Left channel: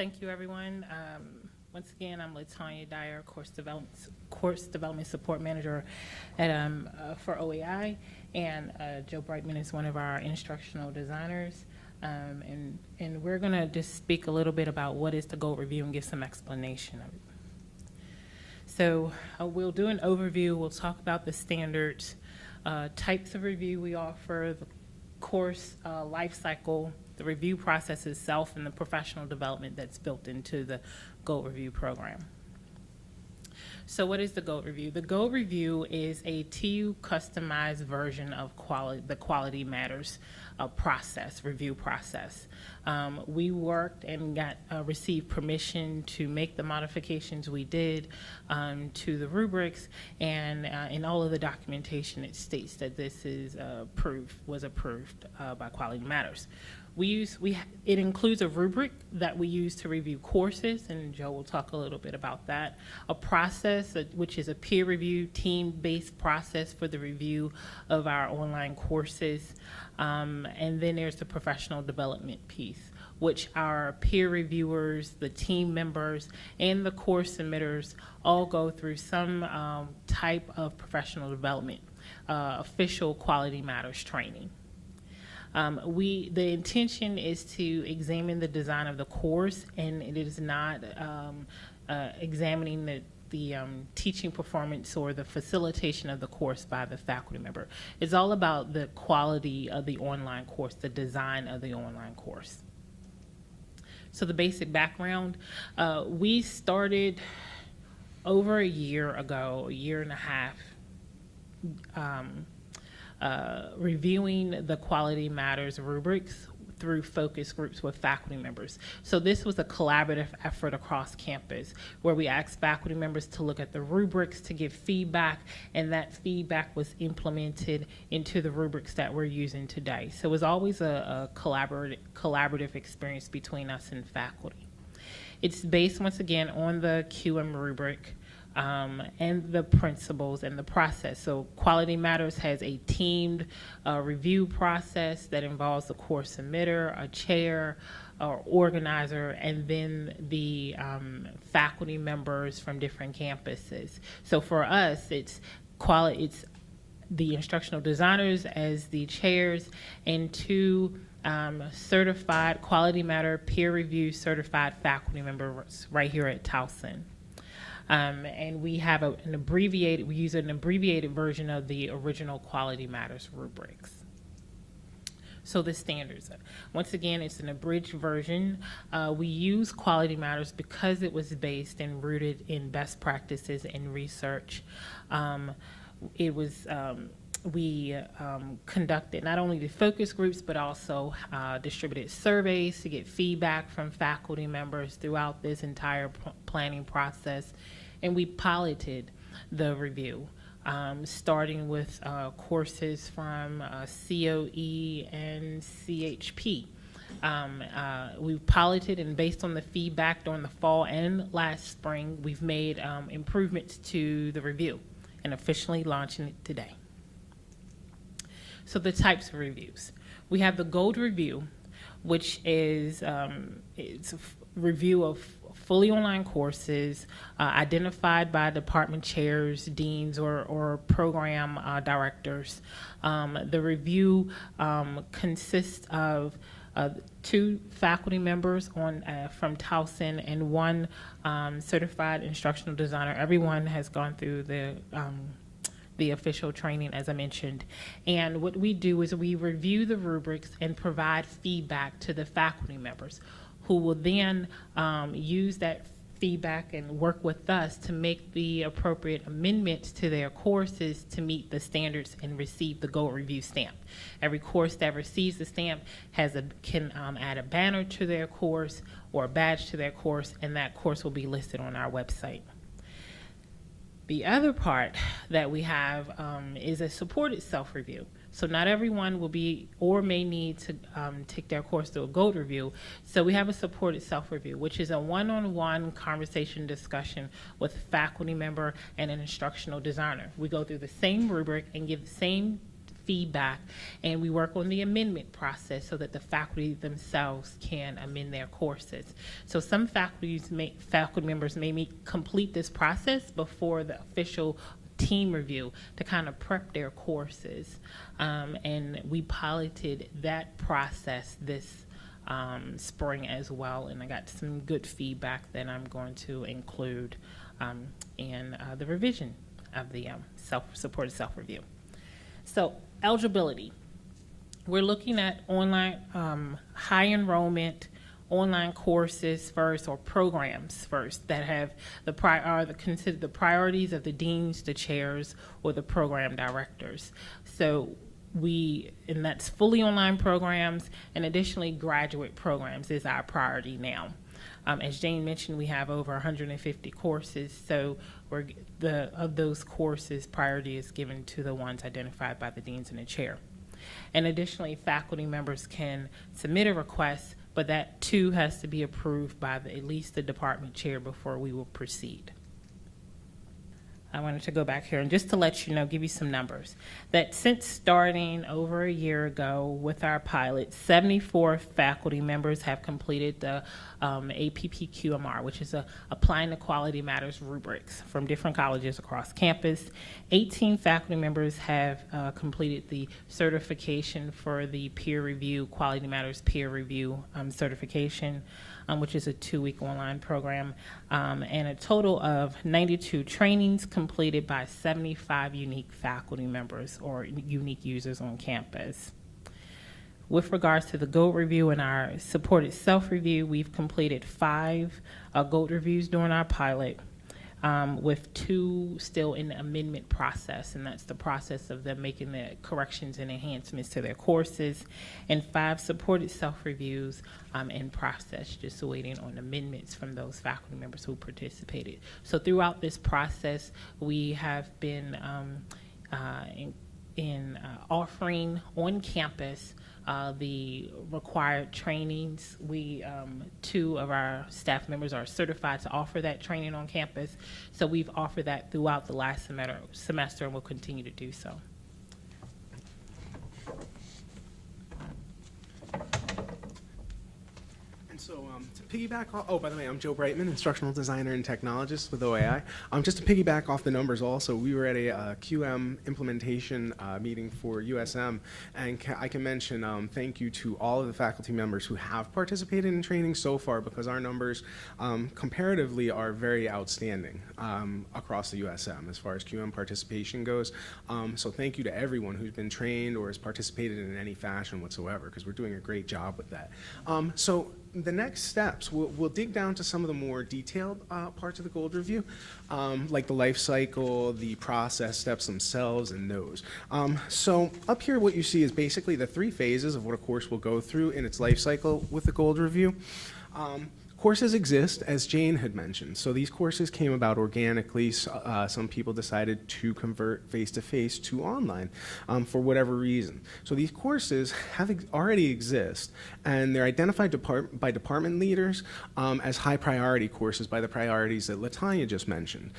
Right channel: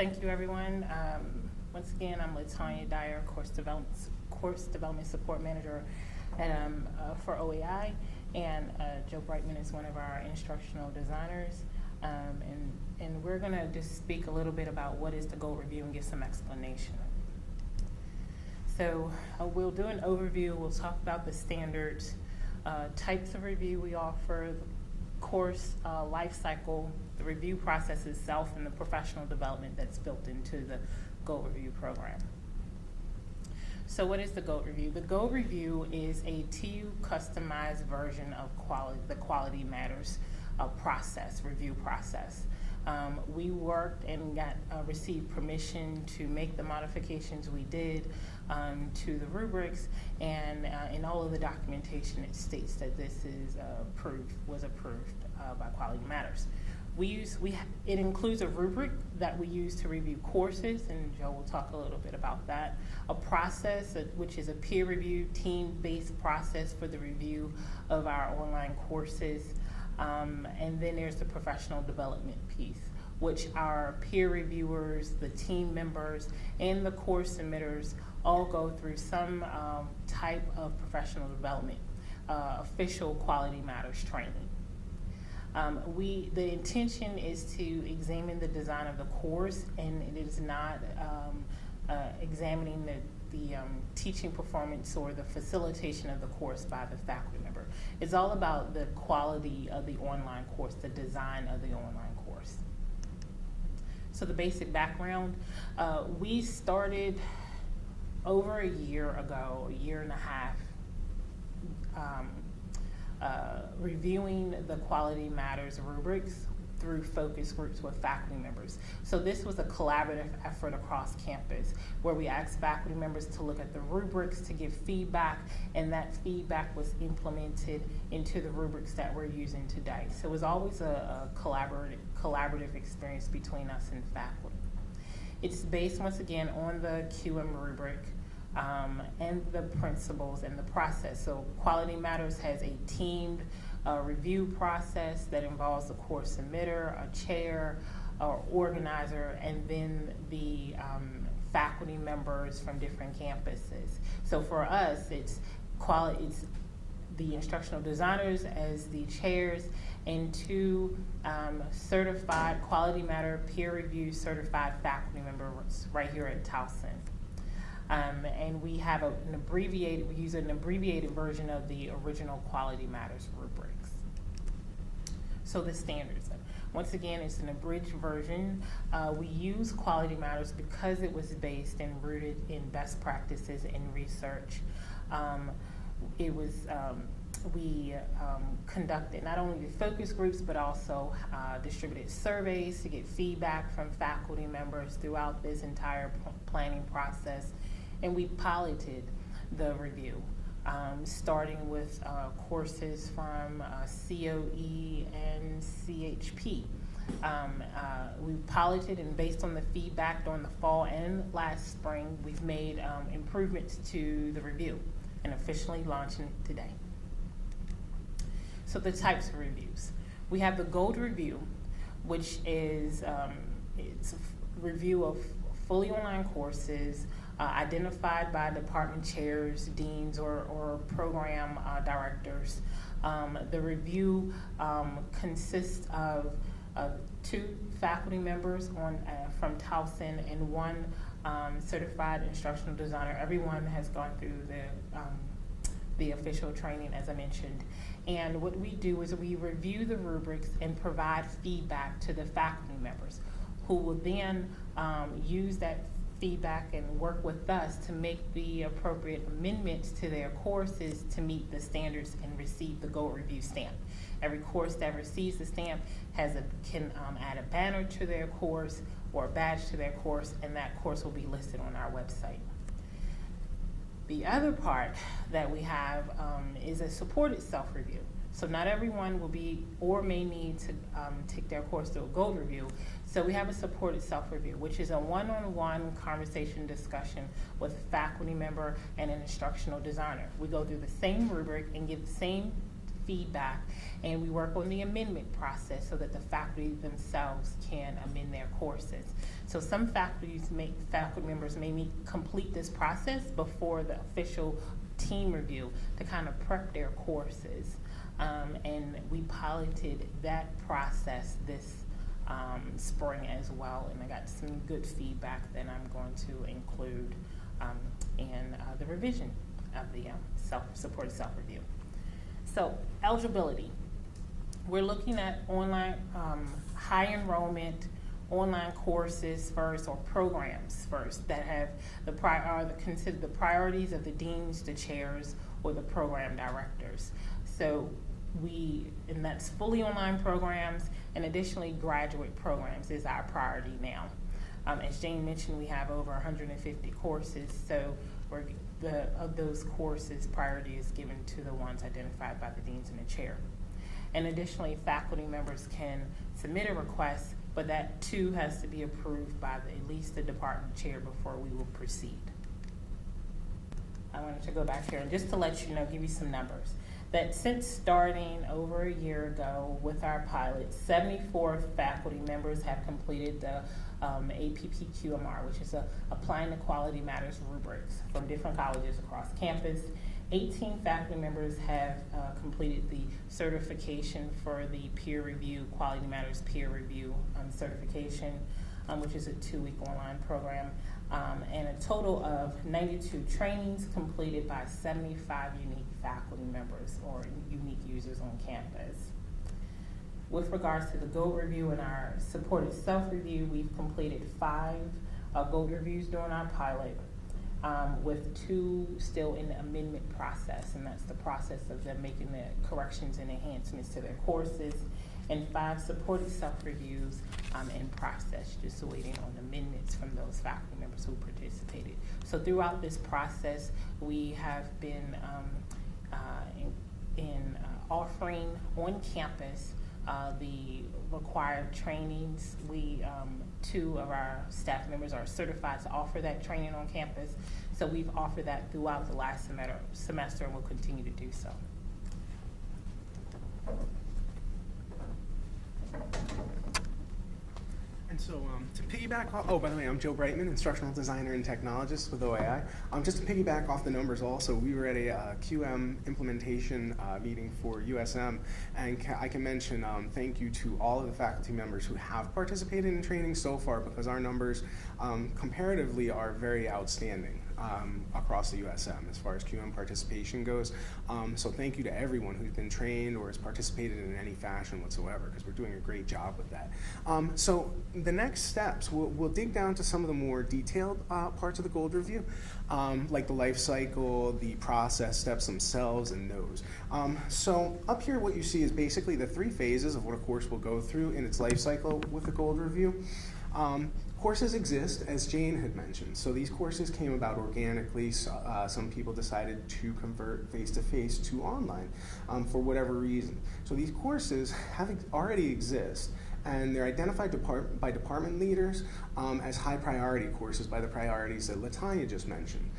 Thank you, everyone. Once again, I'm Tonya, Dyer, Course Development Support Manager at, for OEI, and Joe Brightman is one of our instructional designers. And we're going to just speak a little bit about what is the goal review and give some explanation of it. So we'll do an overview. We'll talk about the standards, types of review we offer, the course life cycle, the review process itself, and the professional development that's built into the GOAT Review program. So what is the GOAT Review? The GOAT Review is a TU customized version of the Quality Matters review process. We worked and received permission to make the modifications we did to the rubrics, and in all of the documentation it states that this is was approved by Quality Matters. It includes a rubric that we use to review courses, and Joe will talk a little bit about that. A process, which is a peer review, team-based process for the review of our online courses. And then there's the professional development piece, which our peer reviewers, the team members, and the course submitters all go through some type of professional development, official Quality Matters training. The intention is to examine the design of the course, and it is not examining the teaching performance or the facilitation of the course by the faculty member. It's all about the quality of the online course, the design of the online course. So the basic background, we started over a year ago, a year and a half, reviewing the Quality Matters rubrics through focus groups with faculty members. So this was a collaborative effort across campus where we asked faculty members to look at the rubrics to give feedback, and that feedback was implemented into the rubrics that we're using today. So it was always a collaborative experience between us and faculty. It's based, once again, on the QM rubric, and the principles and the process. So Quality Matters has a teamed review process that involves the course submitter, a chair, or organizer, and then the faculty members from different campuses. So for us, it's the instructional designers as the chairs, and two certified Quality Matter peer review certified faculty members right here at Towson. And we have we use an abbreviated version of the original Quality Matters rubrics. So the standards, once again, it's an abridged version. We use Quality Matters because it was based and rooted in best practices and research. We conducted not only the focus groups, but also distributed surveys to get feedback from faculty members throughout this entire planning process. And we piloted the review, starting with courses from COE and CHP. We piloted, and based on the feedback during the fall and last spring, we've made improvements to the review and officially launching it today. So the types of reviews. We have the GOAT Review, which is it's a review of fully online courses identified by department chairs, deans, or program directors. The review consists of 2 faculty members from Towson and 1 certified instructional designer. Everyone has gone through the official training, as I mentioned. And what we do is we review the rubrics and provide feedback to the faculty members, who will then use that feedback and work with us to make the appropriate amendments to their courses to meet the standards and receive the GOAT Review stamp. Every course that receives the stamp can add a banner to their course or a badge to their course, and that course will be listed on our website. The other part that we have is a supported self-review. So not everyone will be or may need to take their course through a GOAT Review. So we have a supported self-review, which is a one-on-one conversation discussion with a faculty member and an instructional designer. We go through the same rubric and give the same feedback, and we work on the amendment process so that the faculty themselves can amend their courses. So some faculty members may complete this process before the official team review to kind of prep their courses. And we piloted that process this spring as well, and I got some good feedback that I'm going to include in the revision of the supported self-review. So eligibility. We're looking at online high enrollment online courses first, or programs first, that have considered the priorities of the deans, the chairs, or the program directors. So and that's fully online programs, and additionally graduate programs is our priority now. As Jane mentioned, we have over 150 courses, so of those courses, priority is given to the ones identified by the deans and the chair. And additionally, faculty members can submit a request, but that too has to be approved by at least the department chair before we will proceed. I wanted to go back here and just to let you know, give you some numbers, that since starting over a year ago with our pilot, 74 faculty members have completed the APPQMR, which is Applying the Quality Matters rubrics from different colleges across campus. 18 faculty members have completed the certification for the peer review, Quality Matters peer review certification, which is a 2-week online program, and a total of 92 trainings completed by 75 unique faculty members or unique users on campus. With regards to the GOLD review and our supported self-review, we've completed 5 GOLD reviews during our pilot, with 2 still in the amendment process, and that's the process of them making the corrections and enhancements to their courses, and 5 supported self-reviews in process, just waiting on amendments from those faculty members who participated. So throughout this process, we have been offering on campus the required trainings. 2 of our staff members are certified to offer that training on campus, so we've offered that throughout the last semester and will continue to do so. So to piggyback off, by the way, I'm Joe Brightman, instructional designer and technologist with OAI. Just to piggyback off the numbers also, we were at a QM implementation meeting for USM, and I can mention thank you to all of the faculty members who have participated in training so far, because our numbers comparatively are very outstanding across the USM as far as QM participation goes. So thank you to everyone who's been trained or has participated in any fashion whatsoever, because we're doing a great job with that. So the next steps, we'll dig down to some of the more detailed parts of the GOLD review, like the life cycle, the process steps themselves, and those. So up here what you see is basically the 3 phases of what a course will go through in its life cycle with the GOLD review. Courses exist, as Jane had mentioned. So these courses came about organically. Some people decided to convert face-to-face to online for whatever reason. So these courses already exist, and they're identified by department leaders as high priority courses by the priorities that Tonya just mentioned.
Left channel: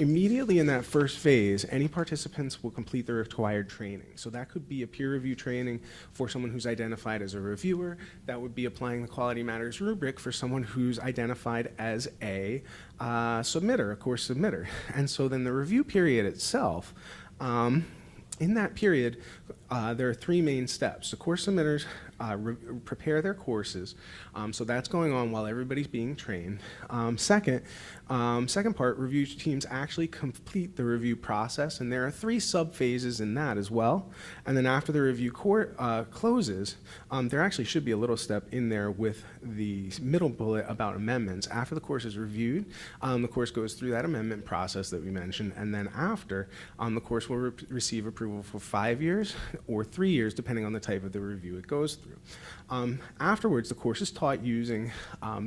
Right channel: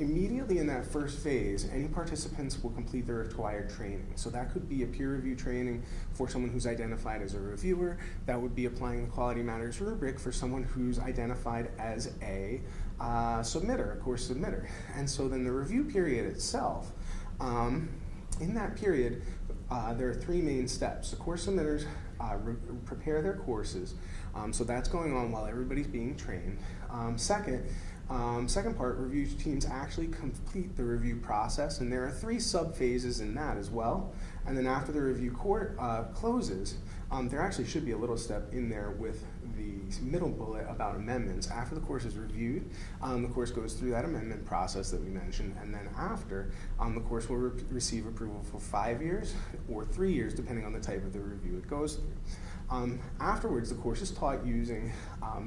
Immediately in that first phase, any participants will complete their required training. So that could be a peer review training for someone who's identified as a reviewer. That would be applying the Quality Matters rubric for someone who's identified as a submitter, a course submitter. And so then the review period itself, in that period, there are 3 main steps. The course submitters prepare their courses, so that's going on while everybody's being trained. Second part, review teams actually complete the review process, and there are 3 sub-phases in that as well. And then after the review closes, there actually should be a little step in there with the middle bullet about amendments. After the course is reviewed, the course goes through that amendment process that we mentioned, and then after, the course will receive approval for 5 years or 3 years, depending on the type of the review it goes through. Afterwards, the course is taught using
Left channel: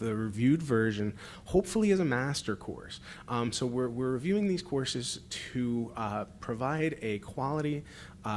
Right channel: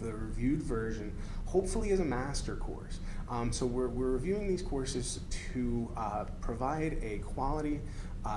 the reviewed version, hopefully as a master course. So we're reviewing these courses to provide a quality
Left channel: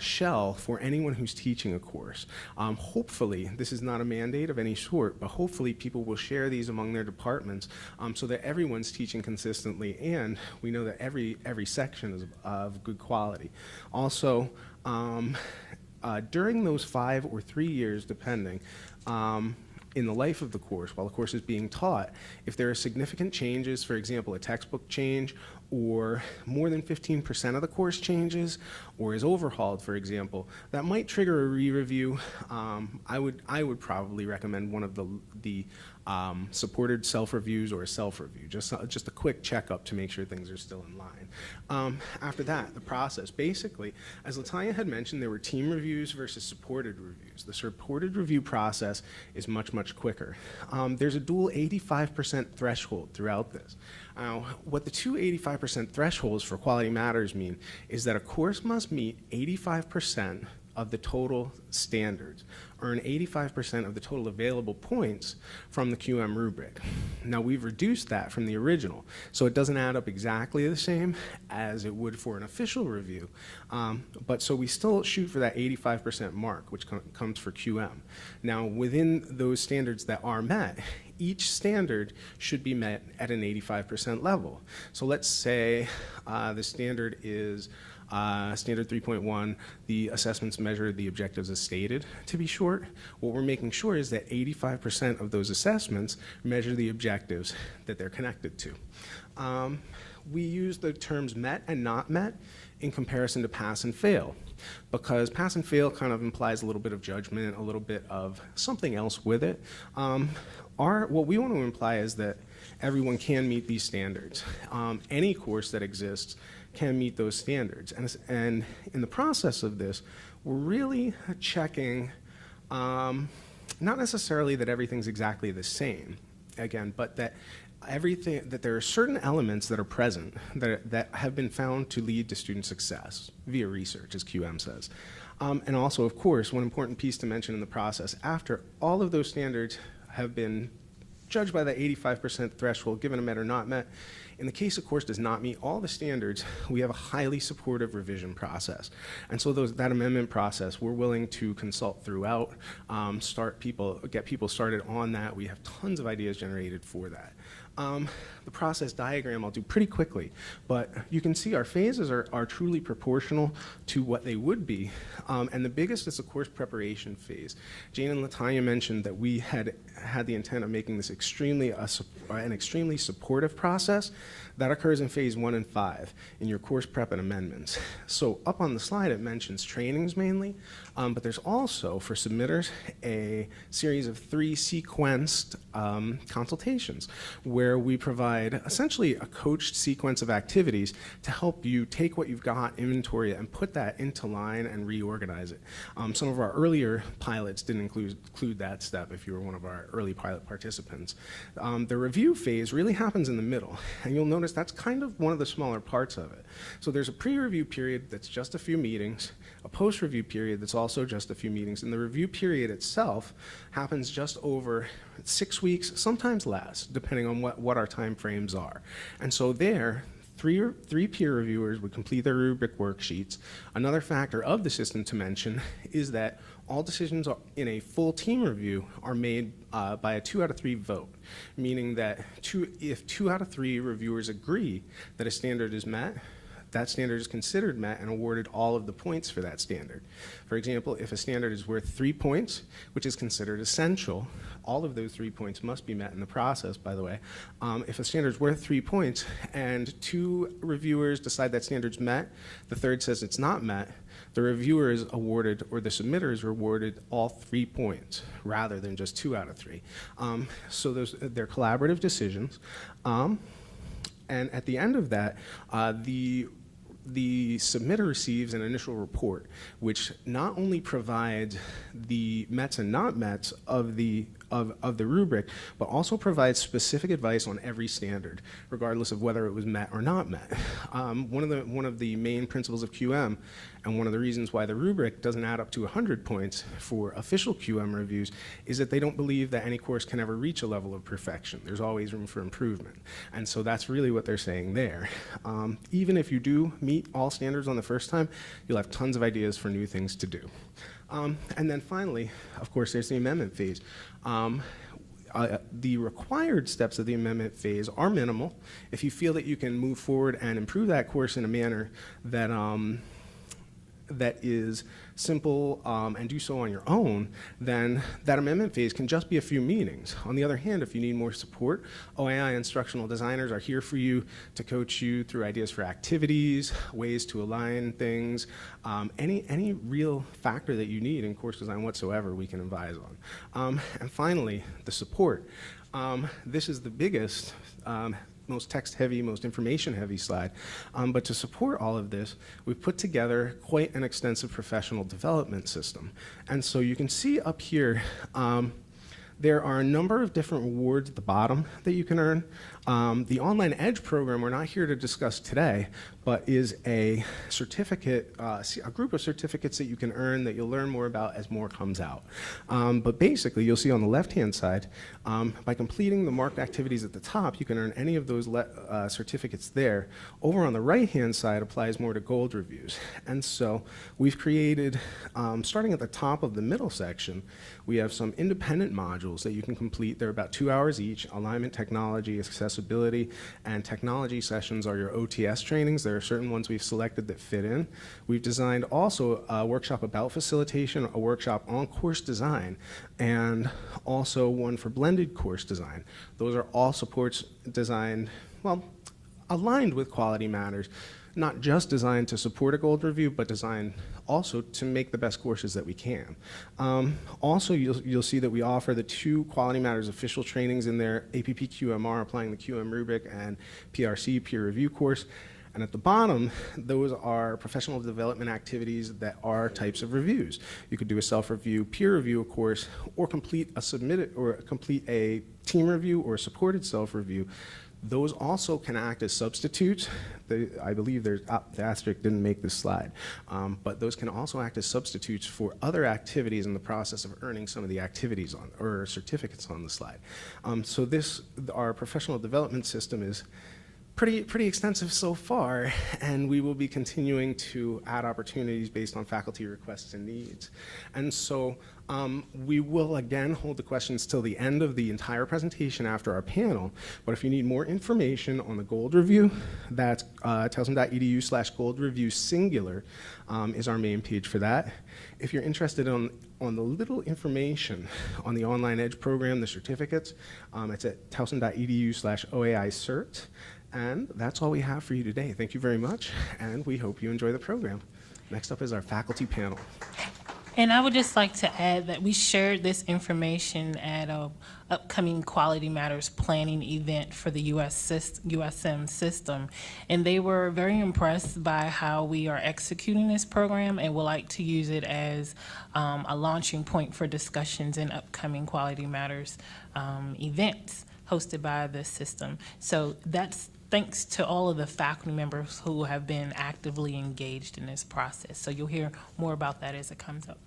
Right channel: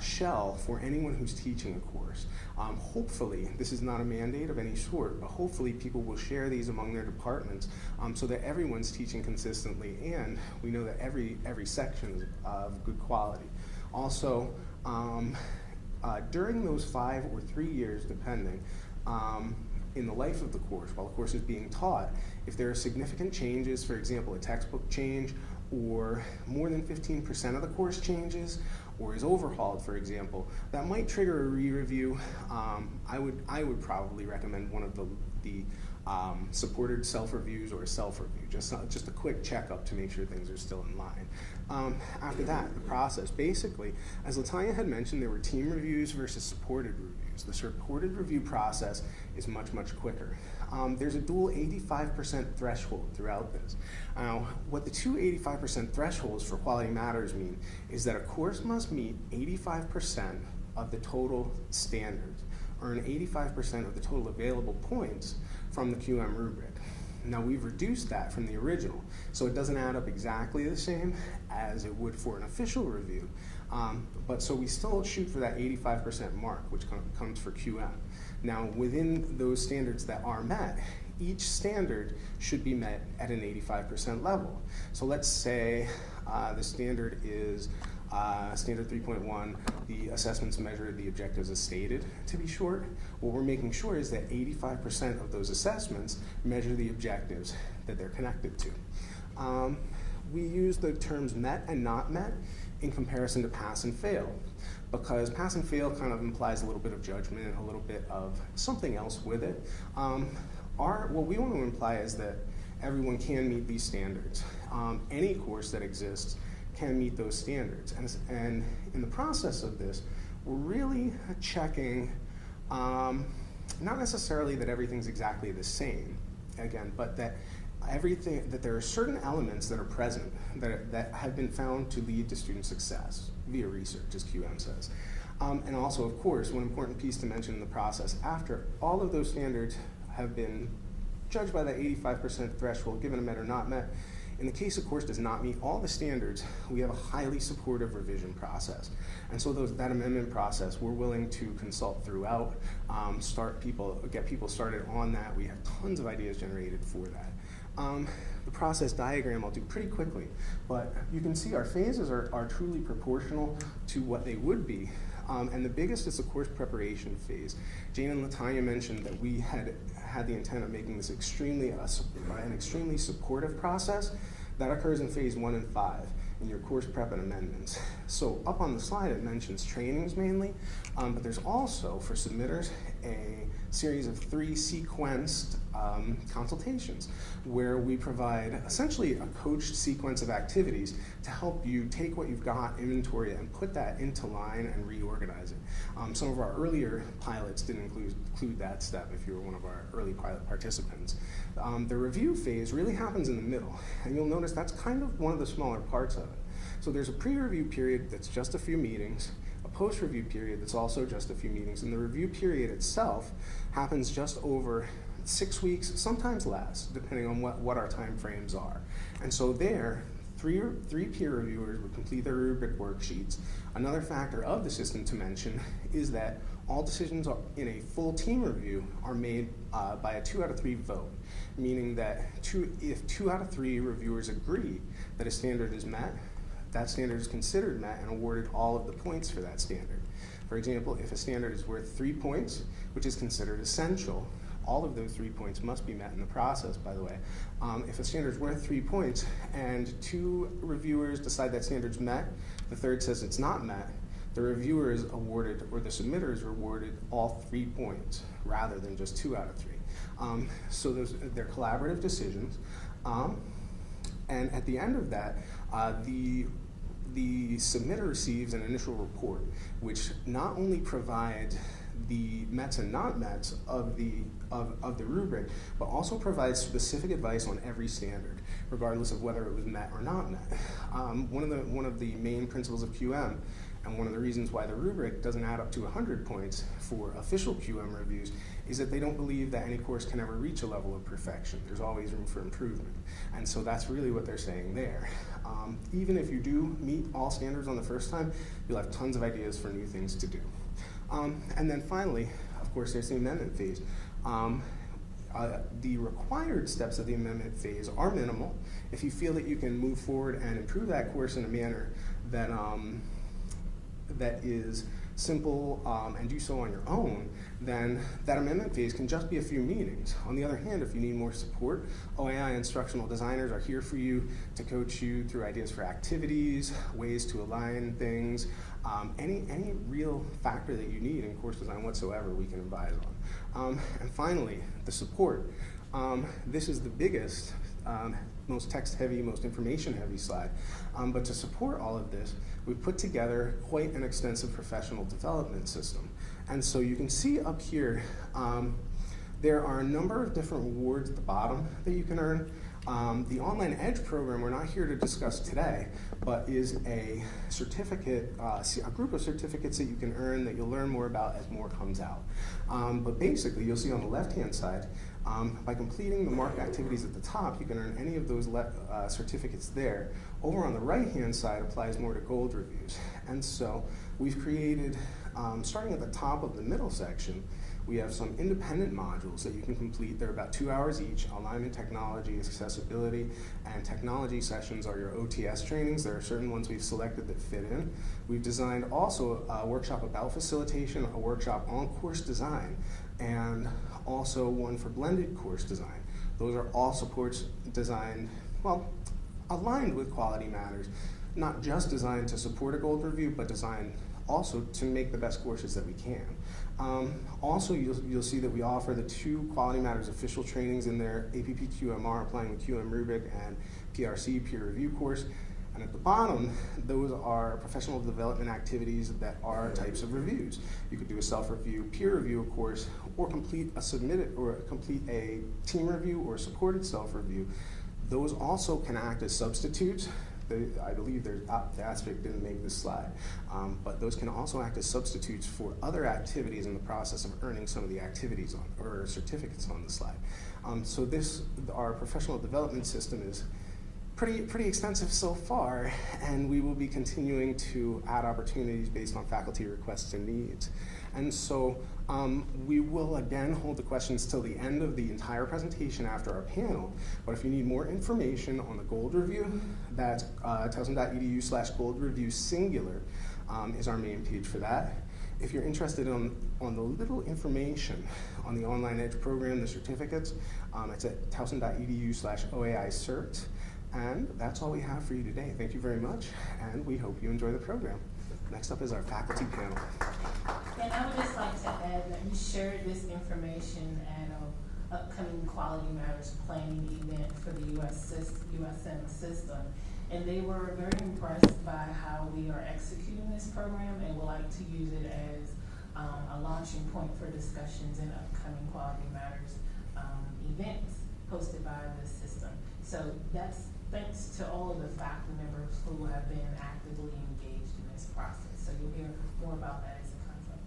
shell for anyone who's teaching a course. Hopefully, this is not a mandate of any sort, but hopefully people will share these among their departments so that everyone's teaching consistently, and we know that every section is of good quality. Also, During those 5 or 3 years, depending, in the life of the course, while the course is being taught, if there are significant changes, for example, a textbook change, or more than 15% of the course changes, or is overhauled, for example, that might trigger a re-review. I would probably recommend one of the supported self-reviews or a self-review, just a quick checkup to make sure things are still in line. After that, the process, basically, as Tonya had mentioned, there were team reviews versus supported reviews. The supported review process is much, much quicker. There's a dual 85% threshold throughout this. What the two 85% thresholds for quality matters mean is that a course must meet 85% of the total standards, earn 85% of the total available points from the QM rubric. Now, we've reduced that from the original, so it doesn't add up exactly the same as it would for an official review, but so we still shoot for that 85% mark, which comes for QM. Now, within those standards that are met, each standard should be met at an 85% level. So let's say the standard is standard 3.1, the assessments measure the objectives as stated, to be short. What we're making sure is that 85% of those assessments measure the objectives that they're connected to. We use the terms met and not met in comparison to pass and fail, because pass and fail kind of implies a little bit of judgment, a little bit of something else with it. What we want to imply is that everyone can meet these standards. Any course that exists can meet those standards. And in the process of this, we're really checking, not necessarily that everything's exactly the same, again, but that there are certain elements that are present that have been found to lead to student success via research, as QM says. And also, of course, one important piece to mention in the process, after all of those standards have been judged by the 85% threshold, given a met or not met, in the case a course does not meet all the standards, we have a highly supportive revision process. And so that amendment process, we're willing to consult throughout, get people started on that. We have tons of ideas generated for that. The process diagram I'll do pretty quickly, but you can see our phases are truly proportional to what they would be. And the biggest is the course preparation phase. Jane and Tonya mentioned that we had the intent of making this an extremely supportive process. That occurs in phase 1 and 5 in your course prep and amendments. So up on the slide it mentions trainings mainly, but there's also, for submitters, a series of 3 sequenced consultations where we provide essentially a coached sequence of activities to help you take what you've got, inventory it, and put that into line and reorganize it. Some of our earlier pilots didn't include that step if you were one of our early pilot participants. The review phase really happens in the middle, and you'll notice that's kind of one of the smaller parts of it. So there's a pre-review period that's just a few meetings, a post-review period that's also just a few meetings, and the review period itself happens just over 6 weeks, sometimes less, depending on what our time frames are. And so there, three peer reviewers would complete their rubric worksheets. Another factor of the system to mention is that all decisions in a full team review are made by a 2 out of 3 vote, meaning that if 2 out of 3 reviewers agree that a standard is met, that standard is considered met and awarded all of the points for that standard. For example, if a standard is worth 3 points, which is considered essential, all of those 3 points must be met in the process, by the way. If a standard is worth 3 points and 2 reviewers decide that standard's met, the third says it's not met, the reviewer is awarded, or the submitter is rewarded, all 3 points rather than just 2 out of 3. So they're collaborative decisions. And at the end of that, the submitter receives an initial report, which not only provides the mets and not mets of the rubric, but also provides specific advice on every standard, regardless of whether it was met or not met. One of the main principles of QM, and one of the reasons why the rubric doesn't add up to 100 points for official QM reviews, is that they don't believe that any course can ever reach a level of perfection. There's always room for improvement. And so that's really what they're saying there. Even if you do meet all standards on the first time, you'll have tons of ideas for new things to do. And then finally, of course, there's the amendment phase. The required steps of the amendment phase are minimal. If you feel that you can move forward and improve that course in a manner that that is simple and do so on your own, then that amendment phase can just be a few meetings. On the other hand, if you need more support, OAI instructional designers are here for you to coach you through ideas for activities, ways to align things, any real factor that you need in course design whatsoever we can advise on. And finally, the support. This is the biggest, most text-heavy, most information-heavy slide. But to support all of this, we've put together quite an extensive professional development system. And so you can see up here, there are a number of different awards at the bottom that you can earn. The Online Edge program we're not here to discuss today, but is a certificate, a group of certificates that you can earn that you'll learn more about as more comes out. But basically, you'll see on the left-hand side, by completing the marked activities at the top, you can earn any of those certificates there. Over on the right-hand side applies more to gold reviews. And so we've created, starting at the top of the middle section, we have some independent modules that you can complete. They're about 2 hours each. Alignment, technology, accessibility, and technology sessions are your OTS trainings. There are certain ones we've selected that fit in. We've designed also a workshop about facilitation, a workshop on course design, and also one for blended course design. Those are all supports designed, well, aligned with Quality Matters, not just designed to support a gold review, but designed also to make the best courses that we can. Also, you'll see that we offer the 2 Quality Matters official trainings in there, APP QMR, applying the QM rubric, and PRC, peer review course. And at the bottom, those are professional development activities that are types of reviews. You could do a self-review, peer review course, or complete a team review or a supported self-review. Those also can act as substitutes. I believe the asterisk didn't make this slide, but those can also act as substitutes for other activities in the process of earning some of the activities or certificates on the slide. So our professional development system is pretty extensive so far, and we will be continuing to add opportunities based on faculty requests and needs. And so we will again hold the questions till the end of the entire presentation after our panel, but if you need more information on the gold review, that's towson.edu/gold review singular is our main page for that. If you're interested on the little information on the Online Edge program, the certificates, it's at towson.edu/OAI cert. And that's all we have for you today. Thank you very much, and we hope you enjoy the program. Next up is our faculty panel. And I would just like to add that we shared this information at an upcoming Quality Matters planning event for the USM system. And they were very impressed by how we are executing this program and would like to use it as a launching point for discussions in upcoming Quality Matters events hosted by the system. So that's thanks to all of the faculty members who have been actively engaged in this process. So you'll hear more about that as it comes up.